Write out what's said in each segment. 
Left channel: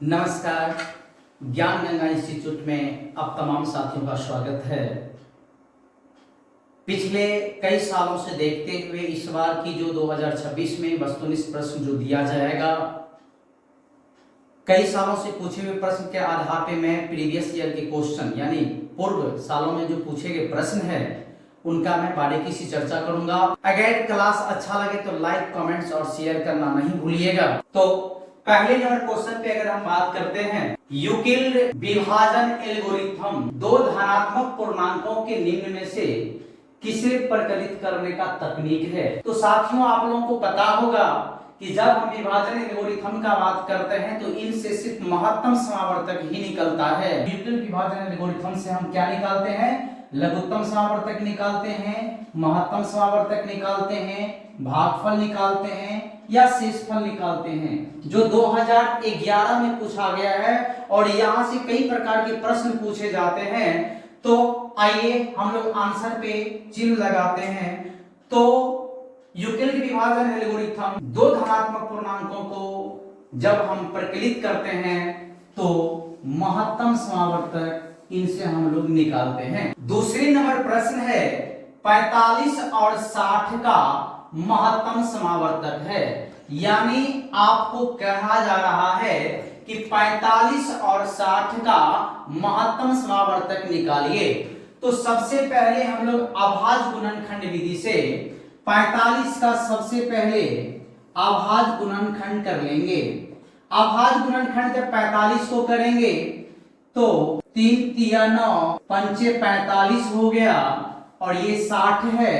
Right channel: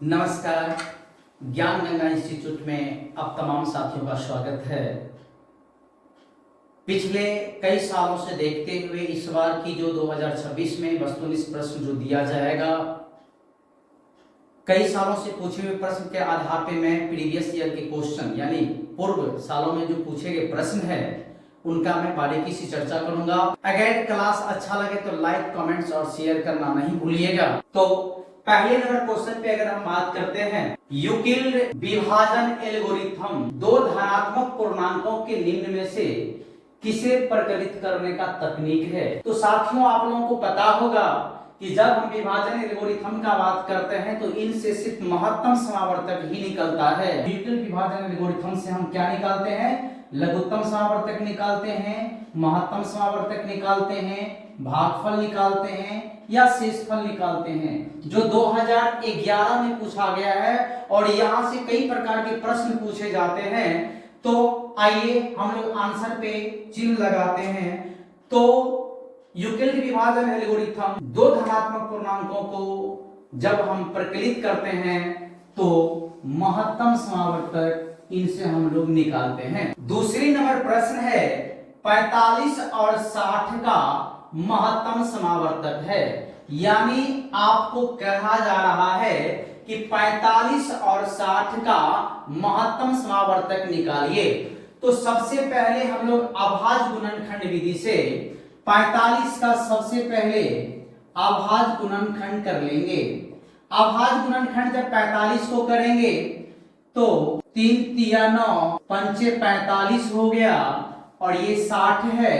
नमस्कार। ज्ञान गंगा इंस्टीट्यूट में आप तमाम साथियों का स्वागत है। पिछले कई सालों से देखते हुए इस बार की जो 2026 में वस्तुनिष्ठ प्रश्न जो दिया जाएगा, कई सालों से पूछे हुए प्रश्न के आधार पे मैं प्रीवियस ईयर के क्वेश्चन यानी पूर्व सालों में जो पूछे गए प्रश्न है उनका मैं बारीकी से चर्चा करूंगा। अगर क्लास अच्छा लगे तो लाइक, कमेंट्स और शेयर करना नहीं भूलिएगा। तो पहले नंबर क्वेश्चन पे अगर हम बात करते हैं, यूक्लिड विभाजन एल्गोरिथम दो धनात्मक पूर्णांकों के निम्न में से किसे प्रकलित करने का तकनीक है। तो साथियों, आप लोगों को पता होगा कि जब हम विभाजन एल्गोरिथम का बात करते हैं तो इनसे सिर्फ महत्तम समावर्तक ही निकलता है। यूक्लिड विभाजन एल्गोरिथम से हम क्या निकालते हैं? लघुत्तम समावर्तक निकालते हैं, महत्तम समावर्तक निकालते हैं, भागफल निकालते हैं या शेषफल निकालते हैं, जो 2011 में पूछा गया है और यहाँ से कई प्रकार के प्रश्न पूछे जाते हैं। तो आइए हम लोग आंसर पे चिन्ह लगाते हैं। तो यूक्लिड विभाजन एल्गोरिथम दो धनात्मक पूर्णांकों को जब हम प्रकलित करते हैं तो महत्तम समावर्तक इनसे हम लोग निकालते हैं। दूसरी नंबर प्रश्न है 45 और 60 का महत्तम समावर्तक है, यानी आपको कहा जा रहा है कि 45 और 60 का महत्तम समावर्तक निकालिए। तो सबसे पहले हम लोग अभाज्य गुणनखंड विधि से 45 का सबसे पहले अभाज्य गुणनखंड कर लेंगे। अभाज्य गुणनखंड जब 45 को करेंगे तो 3 तिया 9 पंचे 45 हो गया और ये 60 है।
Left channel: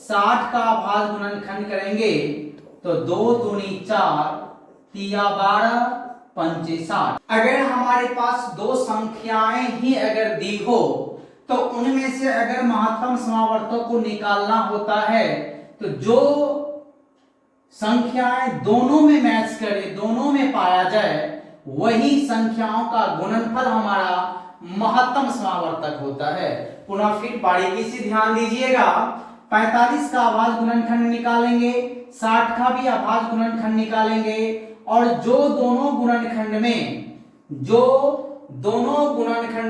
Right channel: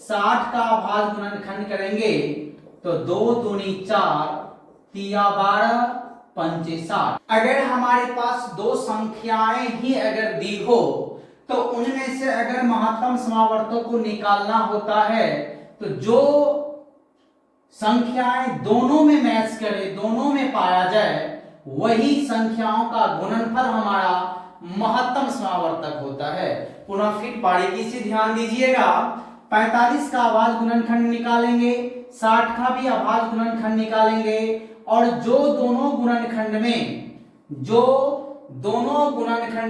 60 का अभाज्य गुणनखंड करेंगे तो 2 दूनी 4 तिया 12 पंचे 60। अगर हमारे पास दो संख्याएं ही अगर दी हो तो उनमें से अगर महत्तम समावर्तक को निकालना होता है तो जो संख्याएं दोनों में मैच करे, दोनों में पाया जाए, वही संख्याओं का गुणनफल हमारा महत्तम समावर्तक होता है। पुनः फिर बारीकी से ध्यान दीजिएगा। 45 का अभाज्य गुणनखंड निकालेंगे, 60 का भी अभाज्य गुणनखंड निकालेंगे और जो दोनों गुणनखंड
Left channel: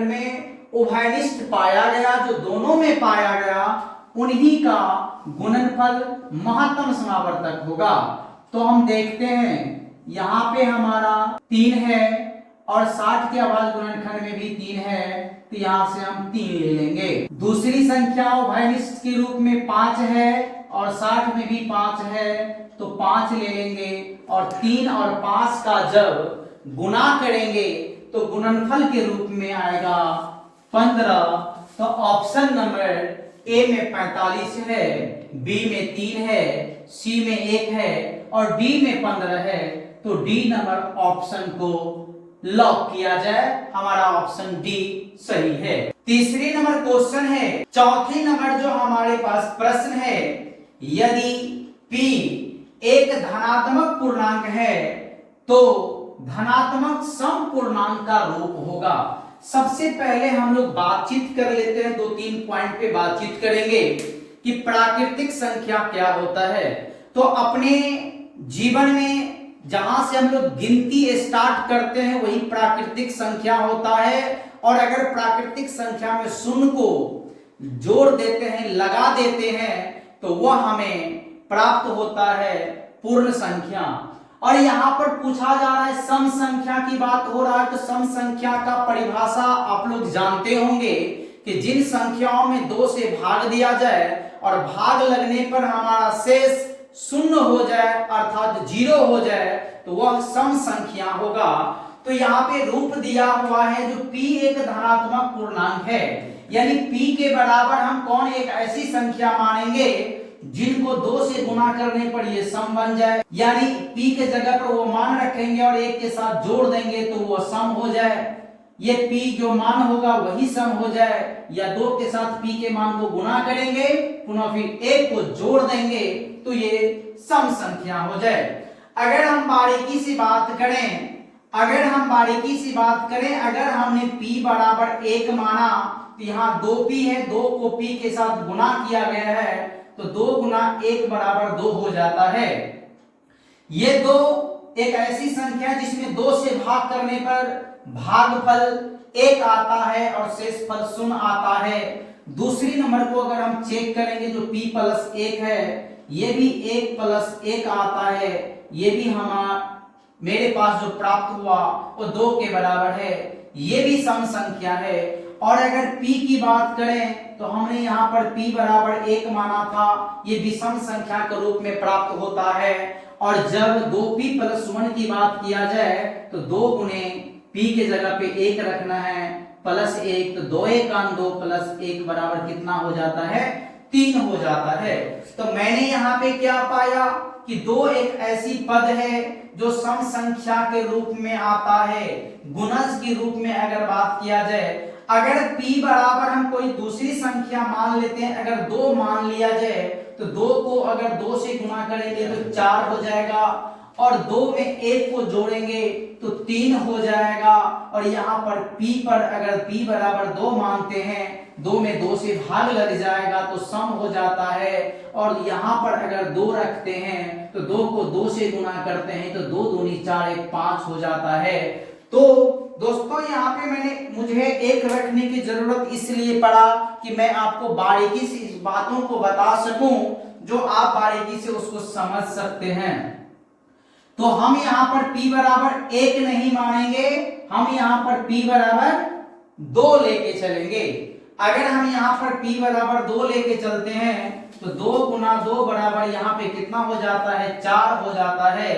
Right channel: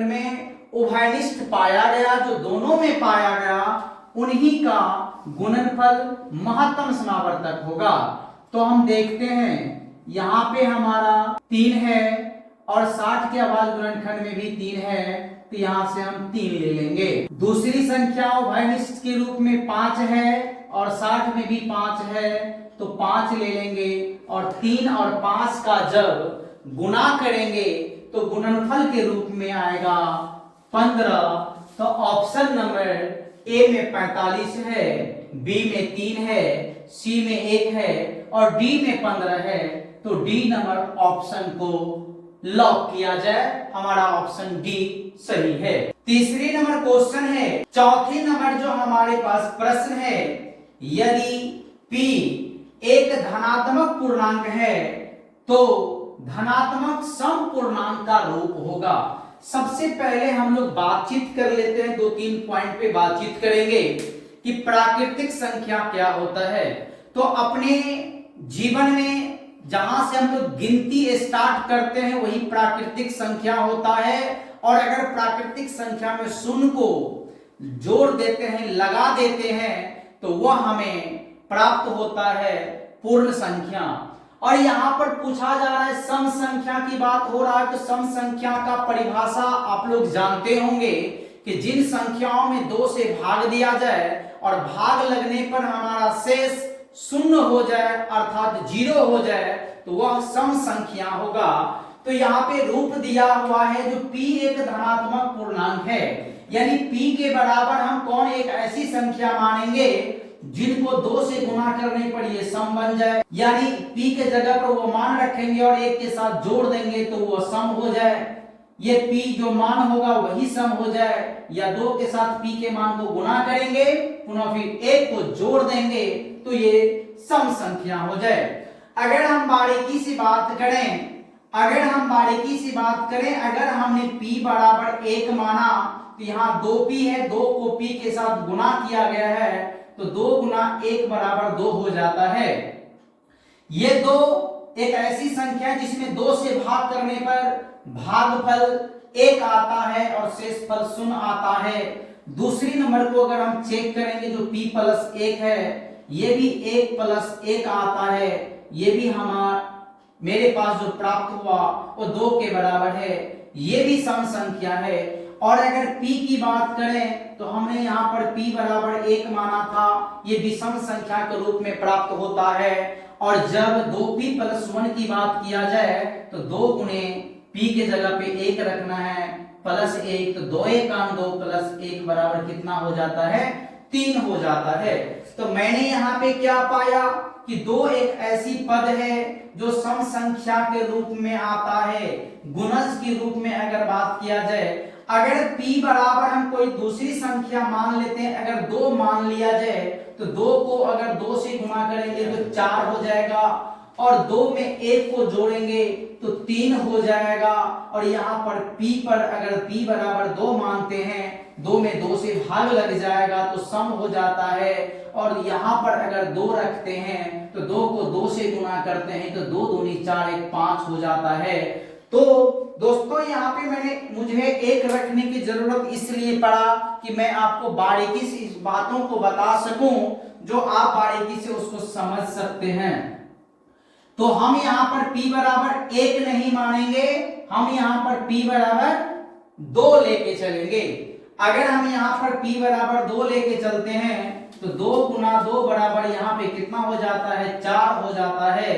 में उभयनिष्ठ पाया गया, जो दोनों में पाया गया, उन्हीं का गुणनफल महत्तम समावर्तक होगा। तो हम देखते हैं यहाँ पे हमारा 3 है और 60 के अभाज्य गुणनखंड में भी 3 है, तो यहाँ से हम 3 ले लेंगे। दूसरी संख्या उभयनिष्ठ के रूप में 5 है और 60 में भी 5 है, तो 5 ले लेंगे और 3 और 5 का जब गुणा करेंगे तो गुणनफल के रूप में आएगा 15। तो ऑप्शन नंबर ए में 45 है, बी में 3 है, सी में 1 है और डी में 15 है। तो डी नंबर ऑप्शन को लॉक किया जाए, हमारा ऑप्शन डी सही है। तीसरी नंबर क्वेश्चन है, चौथी नंबर जो हमारे पास प्रश्न है, यदि p एक धनात्मक पूर्णांक है तो धनात्मक सम पूर्णांक का रूप होगा। सबसे पहले हम लोग बातचीत कर लेते हैं, 2-3 पॉइंट पे बातचीत करेंगे कि प्राकृतिक संख्या क्या होता है। तो अपने जीवन में जहां से हम लोग गिनती स्टार्ट करते हैं वही प्राकृतिक संख्या होता है, और अगर प्राकृतिक संख्या में शून्य को जोड़ देते हैं, लगा देते हैं, तो वह हमें प्राप्त होता है पूर्ण संख्या। और यहाँ पर पूछा जा रहा है सम संख्या की बात हो रहा है, तो सम संख्या का परिभाषा आप लोग जानते होंगे कि जिन संख्याओं में 2 से भाग दिया जाए और भाग लगने पर हमारा शेष शून्य हो जाए अर्थात 0 हो जाए तो वह सम संख्या होगा। तो यहाँ पे रूप दिया हुआ है जो p एक धनात्मक पूर्णांक है, यानी p के बराबर हम कौन एक ऐसी संख्या मानेंगे जिनको 2 से गुणा करने पर ये सम बन जाए, यानी p के जगह पर वो मान रखेंगे और 1 के साथ जोड़ देंगे तो वो सम हो जाए। ये p जो मान होगा वही सम हो जाए, या 2 के साथ p के मान को गुणा करेंगे, पुनः फिर 1 को जोड़ देंगे तो ये सम संख्या हो जाए। अगर हम बारीकी से बात करें, अगर हमने p बराबर 1 माना तो यहाँ 2p है, 2 को p के साथ गुणा किया गया है तो 2 गुना 1 बराबर 2 हो जाता है। ये 2 एक ऐसी संख्या है जिसमें 2 से भाग करने पर भागफल 1 आता है और शेषफल 0 आता है। दूसरी नंबर को अगर हम चेक करेंगे जो p + 1 है, ये भी 1 + 1 आता है, ये भी मेरे पास जो प्राप्त हुआ वो 2 के बराबर है, ये भी सम संख्या है। और अगर p की बात करें तो हमने यहाँ पर p बराबर 1 माना था, ये विषम संख्या के रूप में प्राप्त होता है। और जब 2p + 1 की बात किया जाए तो 2 गुने p के जगह पे 1 रखना है +1, तो 2 1 2 + 1 बराबर कितना हो जाता है? 3 हो जाता है। तो मैंने यहाँ पे क्या पाया कि 2 एक ऐसी पद है जो सम संख्या के रूप में आता है। गुणज के रूप में अगर बात किया जाए, अगर p बराबर हम कोई दूसरी संख्या मान लेते हैं, अगर 2 मान लिया जाए तो 2 को अगर 2 से गुना करेंगे तो 4 हो जाएगा, और 2 में 1 को जोड़ेंगे तो 3 हो जाएगा। और यहाँ पर p पर अगर p बराबर 2 मानते हैं, 2 में 2 से भाग लग जाएगा तो सम हो जाता है। और यहाँ पर अगर 2 रखते हैं तो 2 को 2 से गुना करते हैं तो 2 दूनी 4 1 5 हो जाता है। तो दोस्तों यहाँ पे मुझे 1 रखने की जरूरत इसलिए पड़ा कि मैं आपको बारीकी से इस बातों को बता सकूं जो आप बारीकी से उसको समझ सकते हैं। तो हम यहाँ पर p बराबर 1 नहीं मानेंगे, हम यहाँ पर p बराबर 2 लेके चलेंगे। अगर हम यहाँ पर p बराबर 2 लेके चलते हैं तो 2 × 2 बराबर यहाँ पे कितना हो जाता है? 4 हो जाता है।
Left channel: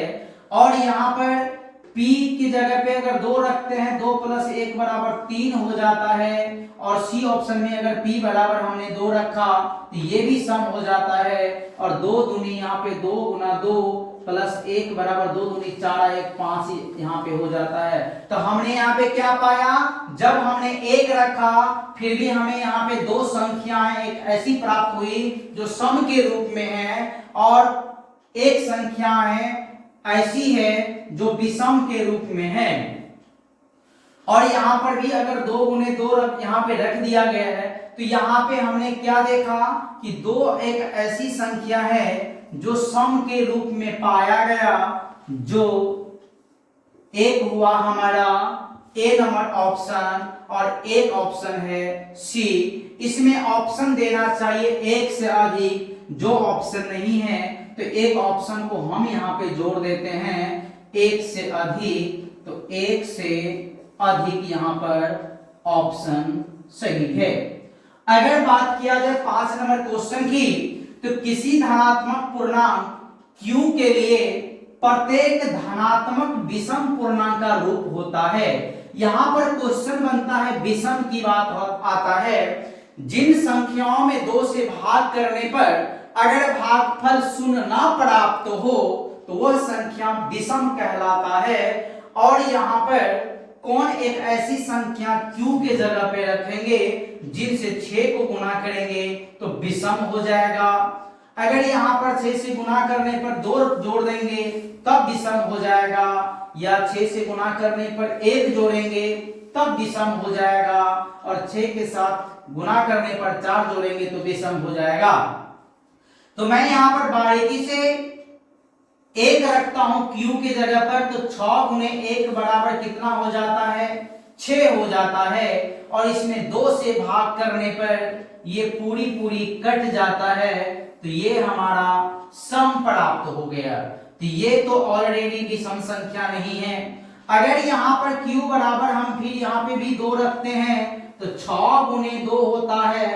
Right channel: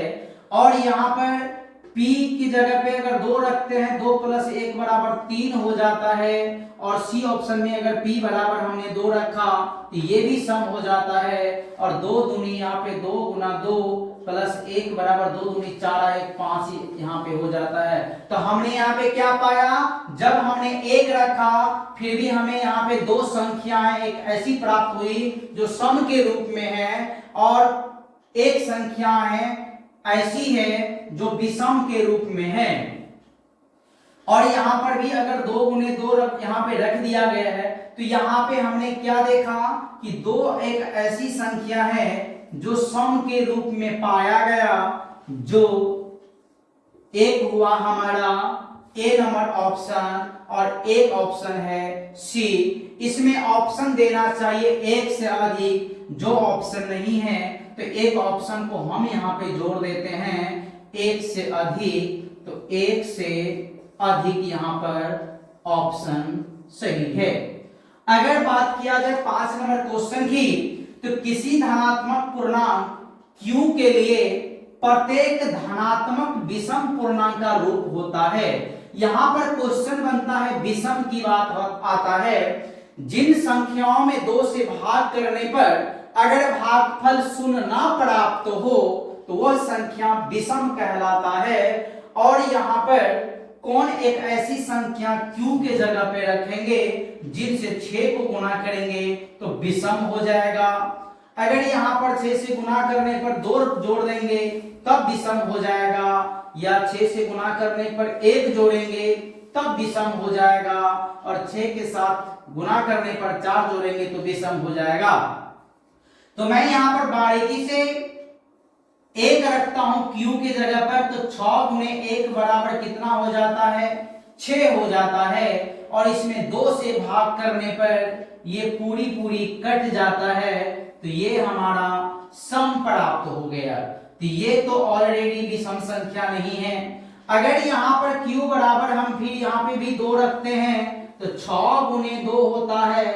और यहाँ पर p की जगह पे अगर 2 रखते हैं, 2 + 1 बराबर 3 हो जाता है। और सी ऑप्शन में अगर p बराबर हमने 2 रखा तो ये भी सम हो जाता है। और 2 दूनी यहाँ पे 2 × 2 + 1 बराबर 2 दूनी 4 1 5 यहाँ पे हो जाता है। तो हमने यहाँ पे क्या पाया? जब हमने 1 रखा फिर भी हमें यहाँ पे 2 संख्याएं एक ऐसी प्राप्त हुई जो सम के रूप में है, और एक संख्याएं ऐसी है जो विषम के रूप में है। और यहाँ पर भी अगर 2 × 2 यहाँ पे रख दिया गया है तो यहाँ पे हमने क्या देखा कि 2 एक ऐसी संख्या है जो सम के रूप में पाया गया, जो एक हुआ हमारा ए नंबर ऑप्शन, और एक ऑप्शन है सी। इसमें ऑप्शन देना चाहिए 1 से अधिक, जो ऑप्शन नहीं है तो एक ऑप्शन को हम यहाँ पे जोड़ देते हैं 1 से अधिक, तो 1 से अधिक यहाँ पर ऑप्शन सही है। अगर बात किया जाए 5 नंबर क्वेश्चन की, तो किसी धनात्मक पूर्णांक q के लिए प्रत्येक धनात्मक विषम पूर्णांक का रूप होता है। यहाँ पर क्वेश्चन बनता है, विषम की बात आता है, जिन संख्याओं में 2 से भाग करने पर अगर भागफल 0 ना प्राप्त हो तो वह संख्या विषम कहलाता है। और यहाँ पर कौन एक ऐसी संख्या q के जगह पे रखेंगे जिनसे 6 को गुना करेंगे तो विषम हो जाएगा। अगर यहाँ पर 6 से गुना करने पर 2 जोड़ देंगे तब विषम हो जाएगा, या 6 से गुना करने पर 1 जोड़ेंगे तब विषम हो जाएगा, और 6 के साथ गुना करने पर 4 जोड़ेंगे तो विषम हो जाएगा। तो मैं यहाँ पर बारीकी से 1 रखता हूं q की जगह पर, तो 6 × 1 बराबर कितना हो जाता है? 6 हो जाता है। और इसमें 2 से भाग करने पर ये पूरी कट जाता है, तो ये हमारा सम प्राप्त हो गया। तो ये तो ऑलरेडी विषम संख्या नहीं है। अगर यहाँ पर q बराबर हम फिर यहाँ पे भी 2 रखते हैं तो 6 × 2 होता है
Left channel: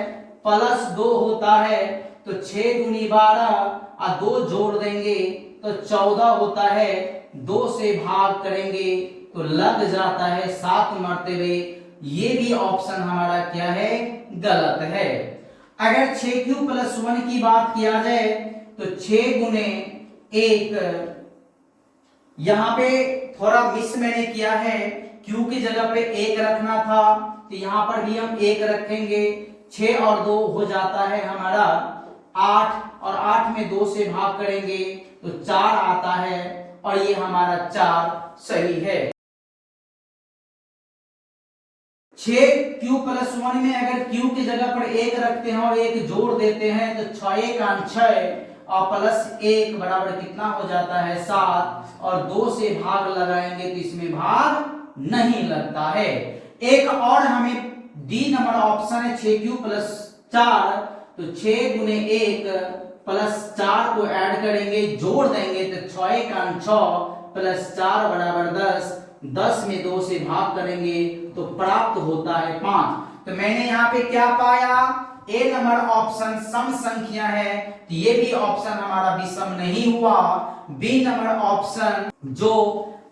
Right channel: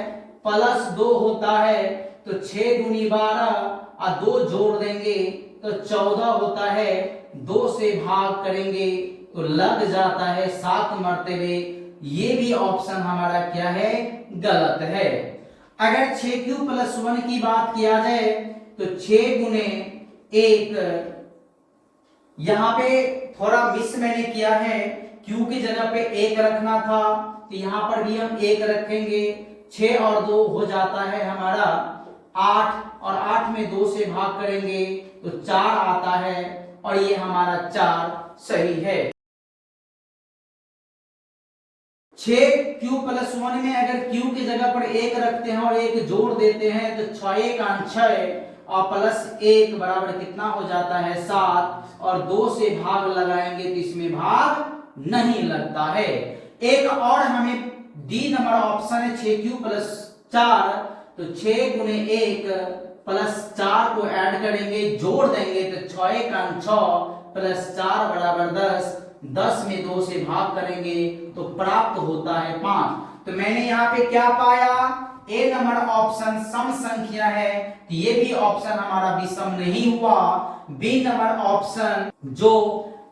+2 होता है, तो 6 दूनी 12 और 2 जोड़ देंगे तो 14 होता है। 2 से भाग करेंगे तो लग जाता है 7 मरतबे। ये भी ऑप्शन हमारा क्या है? गलत है। अगर 6q + 1 की बात किया जाए तो 6 × 1, यहाँ पे थोड़ा मिस मैंने किया है, q की जगह पे 1 रखना था तो यहाँ पर भी हम 1 रखेंगे। 6 और 2 हो जाता है हमारा 8, और 8 में 2 से भाग करेंगे तो 4 आता है, और ये हमारा 4 सही है। 6q + 1 में अगर q की जगह पर 1 रखते हैं और 1 जोड़ देते हैं तो 6 × 6 और प्लस 1 बराबर कितना हो जाता है 7, और 2 से भाग लगाएंगे तो इसमें भाग नहीं लगता है। एक और हमें डी नंबर ऑप्शन है 6 प्लस 4, तो 6 गुने 1 प्लस 4 को ऐड करेंगे, जोड़ देंगे तो 6 का 6 प्लस 4 बराबर 10, 10 में 2 से भाग करेंगे तो प्राप्त होता है 5। तो मैंने यहाँ पे क्या पाया, ए नंबर ऑप्शन सम संख्या है, तो ये भी ऑप्शन हमारा विषम नहीं हुआ। बी नंबर ऑप्शन जो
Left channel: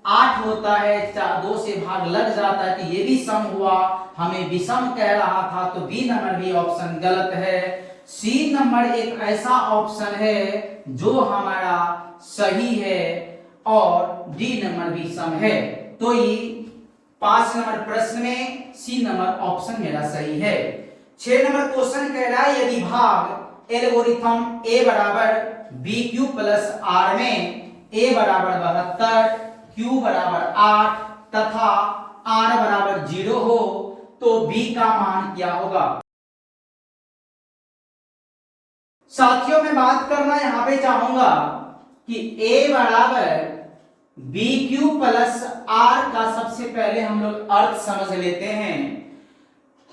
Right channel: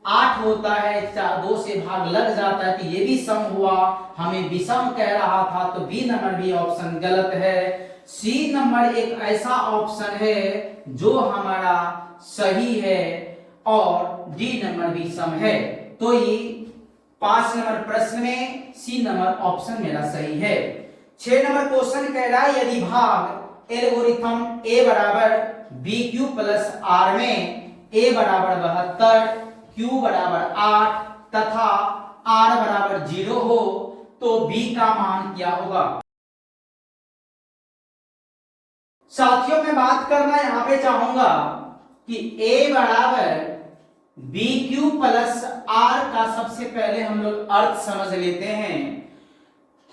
8 होता है 2 से भाग लग जाता है, तो ये भी सम हुआ, हमें विषम कह रहा था, तो बी नंबर भी ऑप्शन गलत है। सी नंबर एक ऐसा ऑप्शन है जो हमारा सही है, और डी नंबर भी सम है। तो ये 5 नंबर प्रश्न में सी नंबर ऑप्शन मेरा सही है। 6 नंबर क्वेश्चन कह रहा है यदि भाग एल्गोरिथम ए बराबर बी क्यू प्लस आर में ए बराबर 72, क्यू बराबर 8 तथा आर बराबर 0 हो तो बी का मान क्या होगा। साथियों मैं बात करना यहां पे चाहूंगा कि ए बराबर बी क्यू प्लस आर का सबसे पहले हम लोग अर्थ समझ लेते हैं।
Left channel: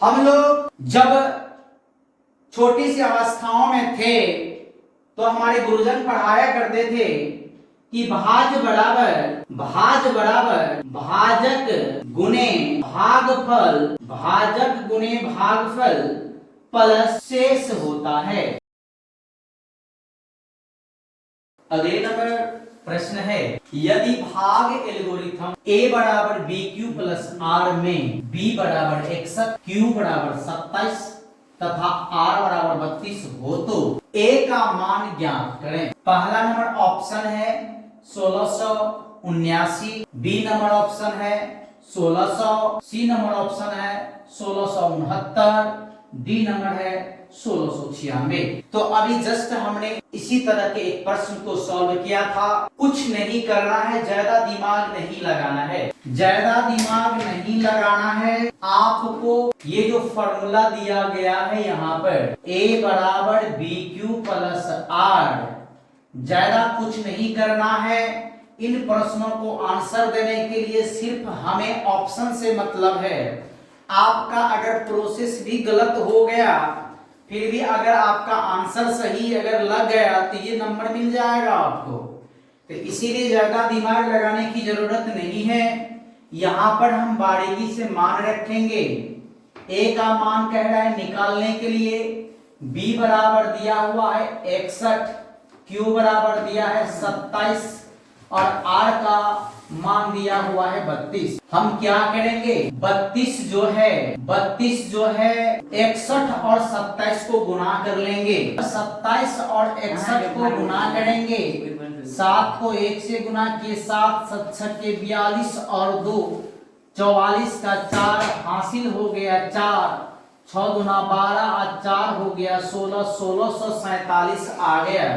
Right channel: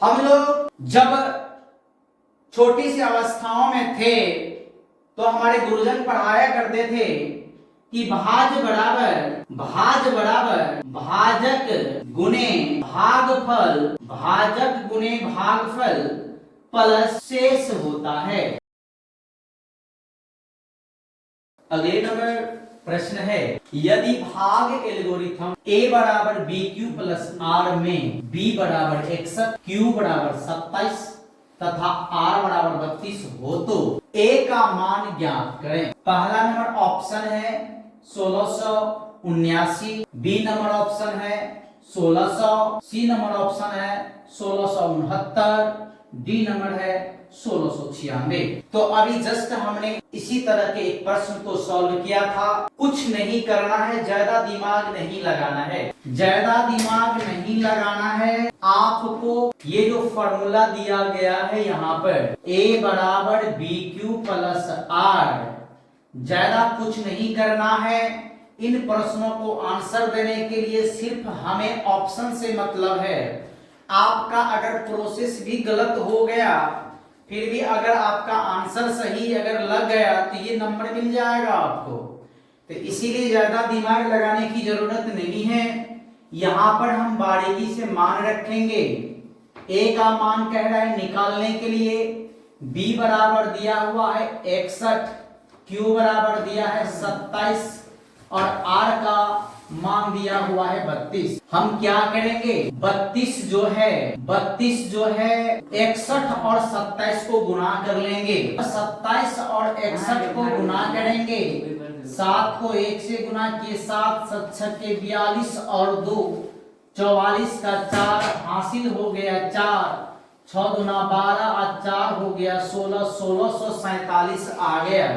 हम लोग जब छोटी सी अवस्थाओं में थे तो हमारे गुरुजन पढ़ाया करते थे कि भाज बराबर भाजक गुने भागफल, भाजक गुने भागफल प्लस शेष होता है। अगले नंबर प्रश्न है यदि भाग एल्गोरिथम ए बराबर बी क्यू प्लस आर में बी बराबर 61, क्यू बराबर 27 तथा आर बराबर 32 हो तो ए का मान ज्ञात करें। पहला नंबर ऑप्शन है 1679, बी नंबर ऑप्शन है 1600, सी नंबर ऑप्शन है 1669, डी नंबर है 1696। तो अभी जस्ट हमने इसी तरह के एक प्रश्न को सॉल्व किया था। कुछ नहीं करना है, ज्यादा दिमाग नहीं लगाना है, ज्यादा दिमाग नहीं लगाना है। आपको ये जो फॉर्मूला दिया गया है यहाँ पर ए बराबर बी क्यू प्लस आर, ज्यादा कुछ नहीं करना है। इन प्रश्नों को आंसर देने के लिए सिर्फ हमें ऑप्शन से मतलब है। आपका अगर प्रोसेस भी गलत हो गया फिर भी अगर आपका आंसर सही अगर लग गया तो ये नंबर मिल जाएगा आपको। तो इसीलिए ज्यादा दिमाग लगाने की जरूरत नहीं है। यहां पर हम बारीकी से मान रखेंगे। ए का मान कह रहा है निकालने के लिए, बी बराबर दिया हुआ है 61, क्यू बराबर दिया है 27 और आर का मान दिया हुआ है 32। हम क्या करेंगे, 32 जो है 61 और 27 को गुना कर लेंगे। 27 और 61 को गुना करेंगे, 7 को 1 से गुना किए 7 7 6 के 42 और 2 44 का 4 हासिल हो गया 4, 6 गुना 12 और 4 हो गया 16, 1647 आ गया।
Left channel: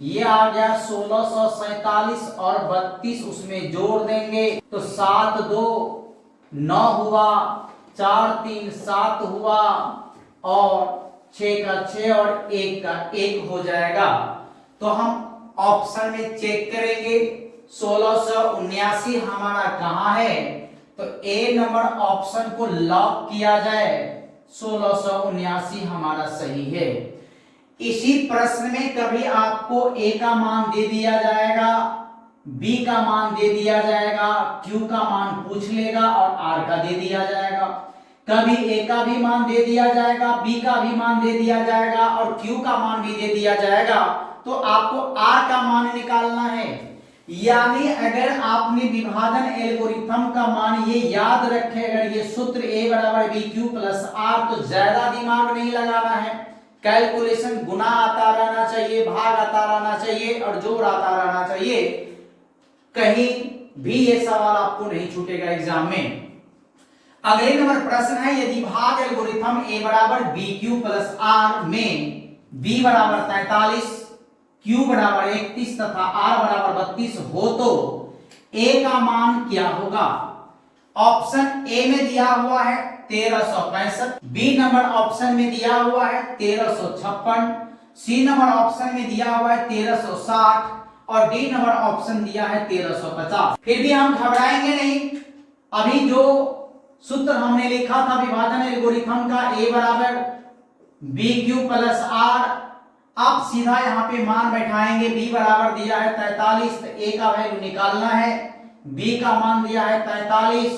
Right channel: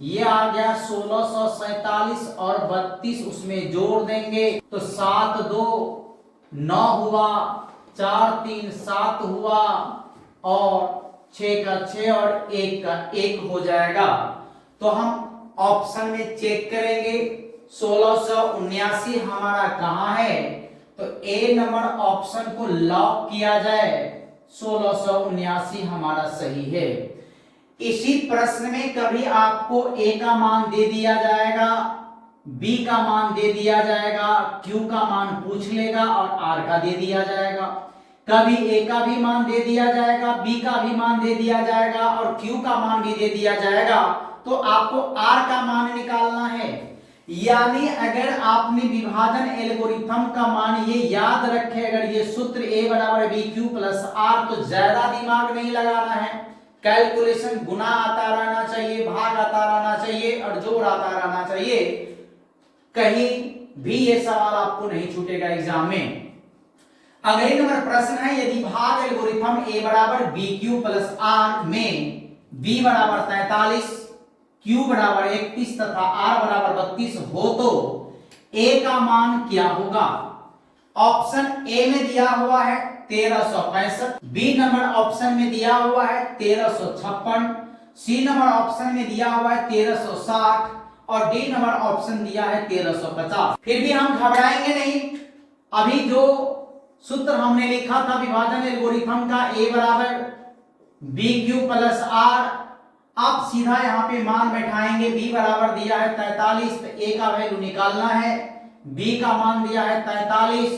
ये आ गया 1647 और 32 उसमें जोड़ देंगे तो 7 2 9 हुआ, 4 3 7 हुआ और 6 का 6 और 1 का 1 हो जाएगा। तो हम ऑप्शन में चेक करेंगे 1679 हमारा कहाँ है, तो ए नंबर ऑप्शन को लॉक किया जाए, 1679 हमारा सही है। इसी प्रश्न में कभी आपको ए का मान दे दिया जाएगा, बी का मान दे दिया जाएगा, क्यू का मान पूछ लेगा और आर का दे दिया जाएगा। कभी ए का भी मान दे दिया जाएगा, बी का भी मान दे दिया जाएगा और क्यू का मान भी दे दिया जाएगा। तो आपको आर का मान निकालना है। यानी अगर आपने विभाजन एल्गोरिथम का मान ये याद रखे, अगर ये सूत्र ए बराबर बी क्यू प्लस आर, तो ज्यादा दिमाग नहीं लगाना है। कैलकुलेशन गुना आता रहना चाहिए, भाग आता रहना चाहिए और जोड़ आता रहना चाहिए। कहीं भी ये सवाल आपको नहीं छूटेगा एग्जाम में। अगले नंबर प्रश्न है यदि भाग एल्गोरिथम ए बराबर बी क्यू प्लस आर में बी बराबर 43, क्यू बराबर 31 तथा आर बराबर 32 हो तो ए का मान क्या होगा। ऑप्शन ए में दिया हुआ है 1365, बी नंबर ऑप्शन में दिया हुआ है 1356, सी नंबर ऑप्शन में दिया हुआ है 1360 और डी नंबर ऑप्शन दिया है 1350। फिर भी हम घबराएंगे नहीं। अभी जो सूत्र हमने लिखा था विभाजन एल्गोरिथम का, ए बराबर बी क्यू प्लस आर, अब सीधा यहाँ पे मान बैठाएंगे। बी बराबर दिया है 43, तो ए का वैल्यू निकालना है। बी का मान दिया है 43,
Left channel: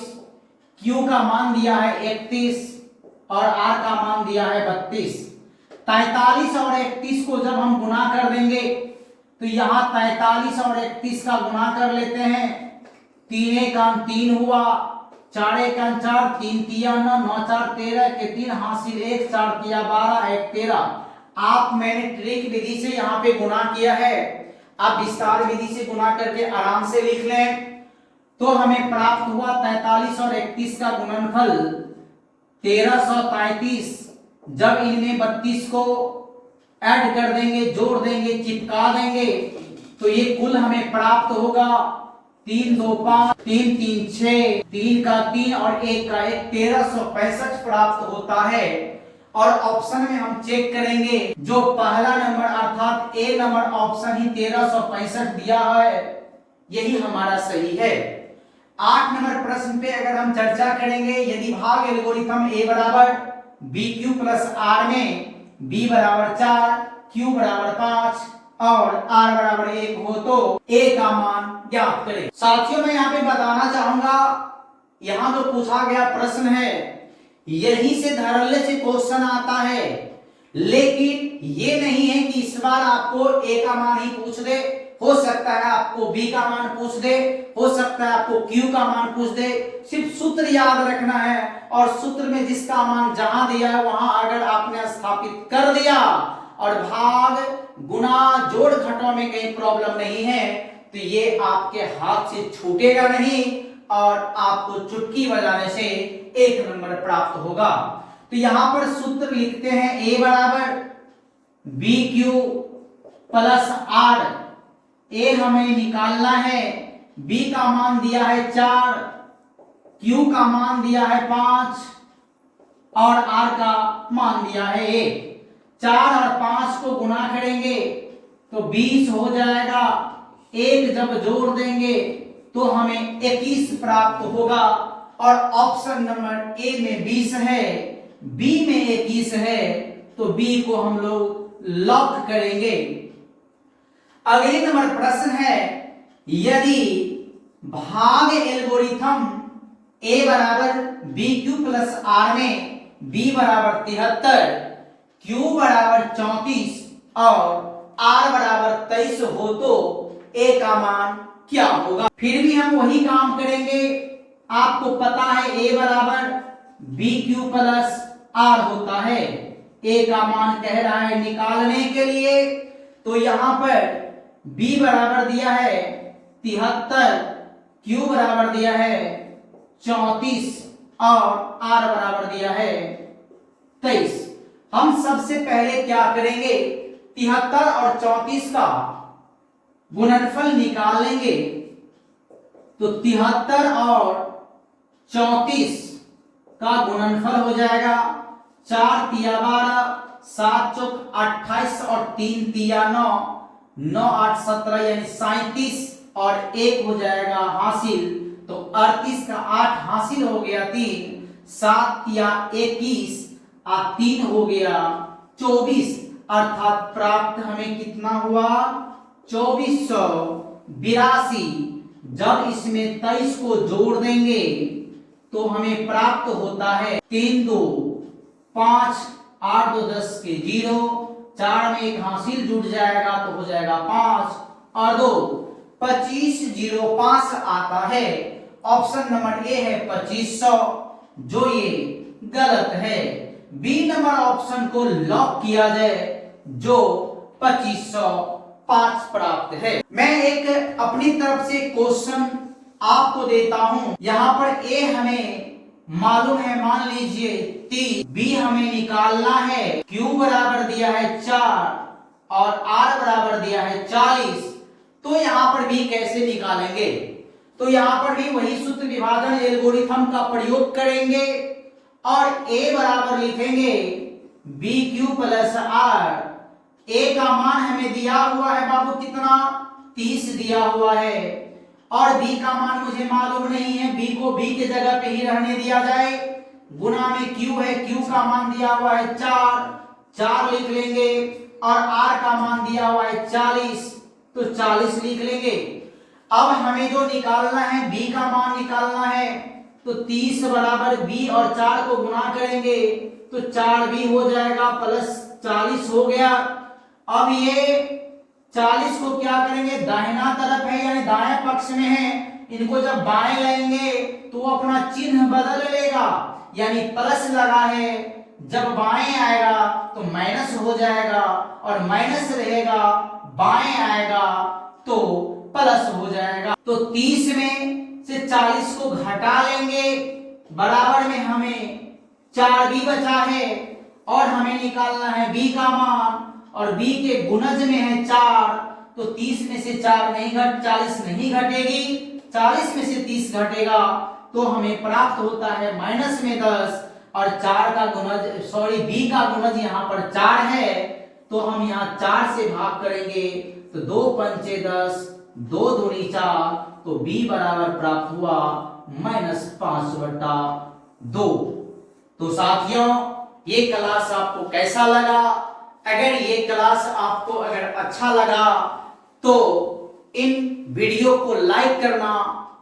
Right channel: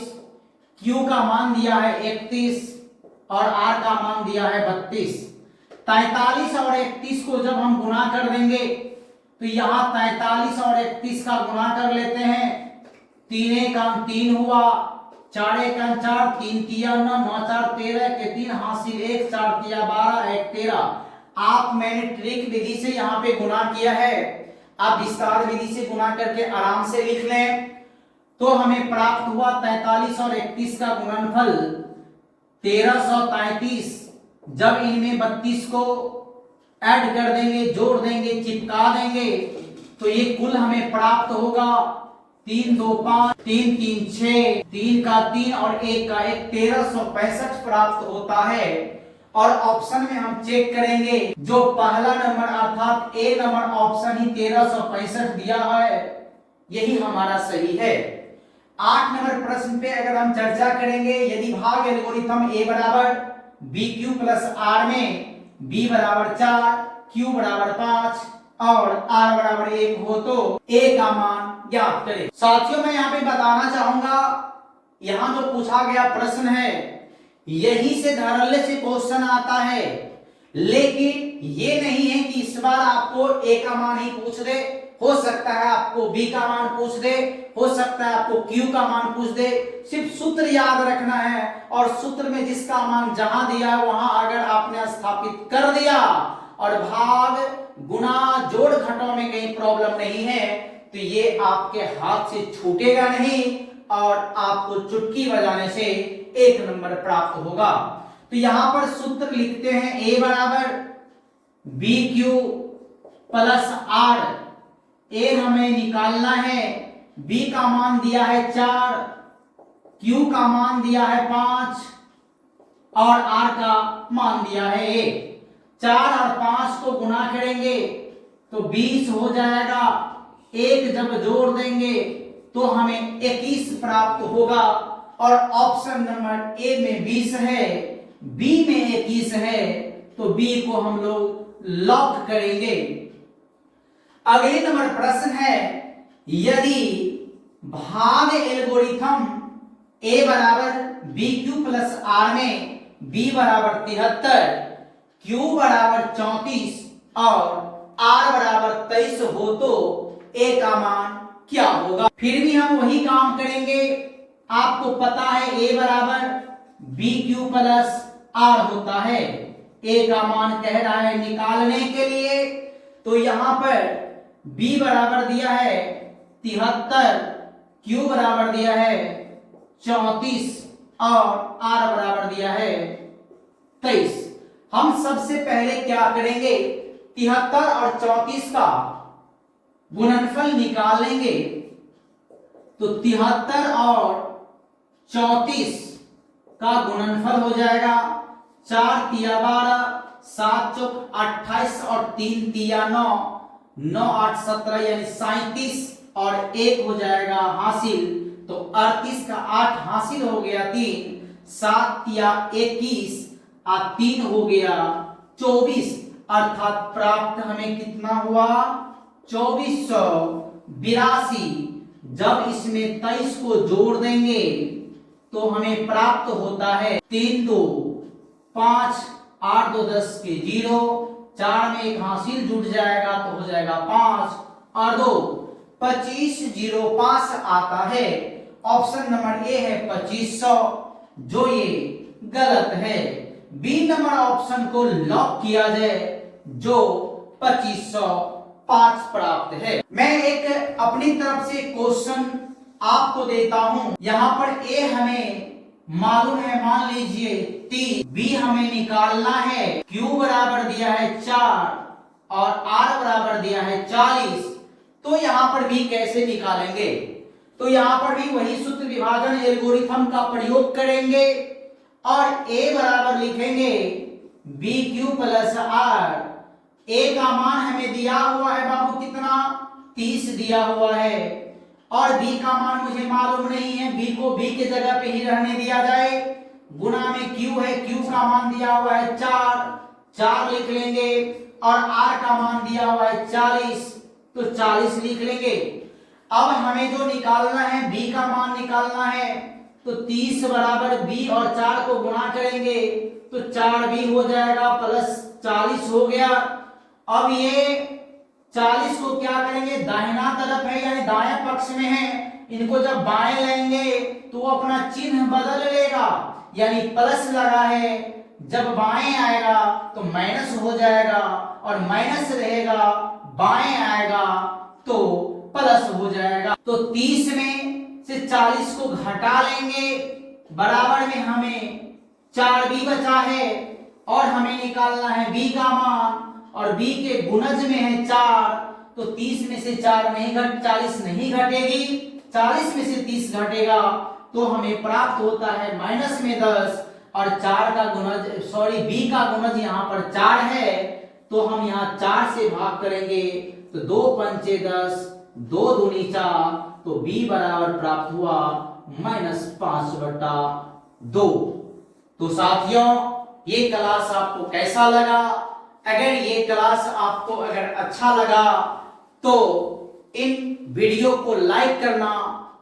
क्यू का मान दिया है 31 और आर का मान दिया है 32। 43 और 31 को जब हम गुना कर देंगे तो यहाँ 43 और 31 का गुना कर लेते हैं। 3 एकम 3 हुआ, 4 एकम 4, 3 तिया 9, 9 4 13 के 3 हासिल 1, 4 तिया 12, 1 13। आप मैंने ट्रिक विधि से यहाँ पे गुना किया है, आप विस्तार विधि से गुना करके आराम से लिख लें। तो हमें प्राप्त हुआ 43 और 31 का गुणनफल 1333। जब इनमें 32 को ऐड कर देंगे, जोड़ देंगे, चिपका देंगे तो ये कुल हमें प्राप्त होगा 3 2 5, 3 3 6, 3 का 3 और 1 का 1, 1365 प्राप्त होता है। और ऑप्शन में हम चेक करेंगे, जो पहला नंबर अर्थात ए नंबर ऑप्शन ही 1365 दिया है, यही हमारा सही है। 8 नंबर प्रश्न पे अगर हम चर्चा करेंगे, यदि भाग एल्गोरिथम ए बराबर बी क्यू प्लस आर में बी बराबर 4, क्यू बराबर 5 और आर बराबर 1 हो तो ए का मान ज्ञात करें। साथियों मैं यहाँ पे बताना चाहूंगा, यहाँ जो पूछा गया प्रश्न है यही से धड़ल्ले से क्वेश्चन आता है, लेकिन ये नहीं है कि इस बार आपको ए का मान ही पूछ दे। हो सकता है आपको बी का मान पूछ दे, हो सकता है आपको क्यू का मान पूछ दे। सिर्फ सूत्र याद रखना है और सूत्र में जिसका मान जहां दिया है वहां अगर आपने स्थापित कर दिया और भाग गुना जोड़ घटाव में कहीं प्रॉब्लम नहीं है तो ये आपके हाथ से छूटेगा नहीं और आपको चुटकी बजाने से 1 नंबर प्राप्त होगा। तो यहां पर सूत्र लिखते हैं, ए बराबर बी क्यू प्लस आर। ए हमें निकालना है, बी का मान दिया है 4, क्यू का मान दिया है 5 और आर का मान दिया है 1। 4 और 5 को गुना करेंगे तो 20 हो जाएगा। 1 जब जोड़ देंगे तो हमें 21 प्राप्त होगा। और ऑप्शन नंबर ए में 20 है, बी में 21 है, तो बी को हम लोग लॉक करेंगे। अगले नंबर प्रश्न है, यदि भाग एल्गोरिथम ए बराबर बी क्यू प्लस आर में बी बराबर 73, क्यू बराबर 34 और आर बराबर 23 हो तो ए का मान क्या होगा। फिर भी हम वही काम करेंगे। आपको पता है ए बराबर बी क्यू प्लस आर होता है। ए का मान कह रहा है निकालने के लिए, तो यहां पर बी बराबर दिया है 73, क्यू बराबर दिया है 34 और आर बराबर दिया है 23। हम सबसे पहले क्या करेंगे, 73 और 34 का गुणनफल निकाल लेंगे। तो 73 और 34 का गुणनफल हो जाएगा 4 तिया 12, 7 चौक 28 और 3 तिया 9, 9 8 17 यानी 37 और 1 हो जाएगा हासिल। तो 38 का 8 हासिल हो गया 3, 7 तिया 21 और 3 हो गया 24, अर्थात प्राप्त हमें कितना हुआ 2482। जब इसमें 23 को जोड़ देंगे तो हमें प्राप्त होता है 3 2 5, 8 2 10 के 0, 4 में एक हासिल जुड़ जाएगा तो हो जाएगा 5 और 2 2505 आता है। ऑप्शन नंबर ए है 2500, जो ये गलत है। बी नंबर ऑप्शन को लॉक किया जाए, जो 2505 प्राप्त है। मैं एक अपनी तरफ से क्वेश्चन आपको देता हूं। यहां पर ए हमें मालूम है, मान लीजिए 30, बी हमें निकालना है, क्यू बराबर दिया है 4 और आर बराबर दिया है 40। तो यहां पर बी कैसे निकालेंगे, तो यहां पर भी वही सूत्र विभाजन एल्गोरिथम का प्रयोग करेंगे और ए बराबर लिखेंगे बी क्यू प्लस आर। ए का मान हमें दिया हुआ है बाबू कितना, 30 दिया हुआ है, और बी का मान मुझे मालूम नहीं है, बी को बी के जगह पे ही रहने दिया जाए, गुना में क्यू है, क्यू का मान दिया हुआ है 4 लिख लेंगे, और आर का मान दिया हुआ है 40, तो 40 लिख लेंगे। अब हमें जो निकालना है बी का मान निकालना है, तो 30 बराबर बी और 4 को गुना करेंगे तो 4b हो जाएगा प्लस 40 हो गया। अब ये 40 को क्या करेंगे, दाहिना तरफ है यानी दाएं पक्ष में है, इनको जब बाएं लेंगे तो अपना चिन्ह बदल लेगा, यानी प्लस लगा है, जब बाएं आएगा तो माइनस हो जाएगा, और माइनस रहेगा बाएं आएगा तो प्लस हो जाएगा। तो 30 में से 40 को घटा लेंगे, बराबर में हमें 4b बचा है, और हमें निकालना है b का मान, और b के गुणज में है 4, तो 30 में से 40 नहीं घटेगी, 40 में से 30 घटेगा तो हमें प्राप्त होता है माइनस में 10, और 4 का गुणज b का गुणज यहाँ पर 4 है, तो हम यहाँ 4 से भाग करेंगे तो 2 पंचे 10, 2 दूनी 4, तो b बराबर प्राप्त हुआ -5/2। तो साथियों ये क्लास आपको कैसा लगा? अगर ये क्लास आपको अगर अच्छा लगा तो इन वीडियो को लाइक करना,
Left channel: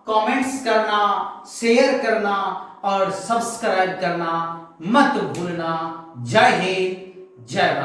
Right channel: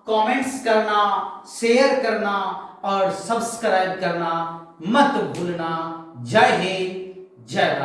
कमेंट्स करना, शेयर करना और सब्सक्राइब करना मत भूलना। जय हिंद, जय भारत।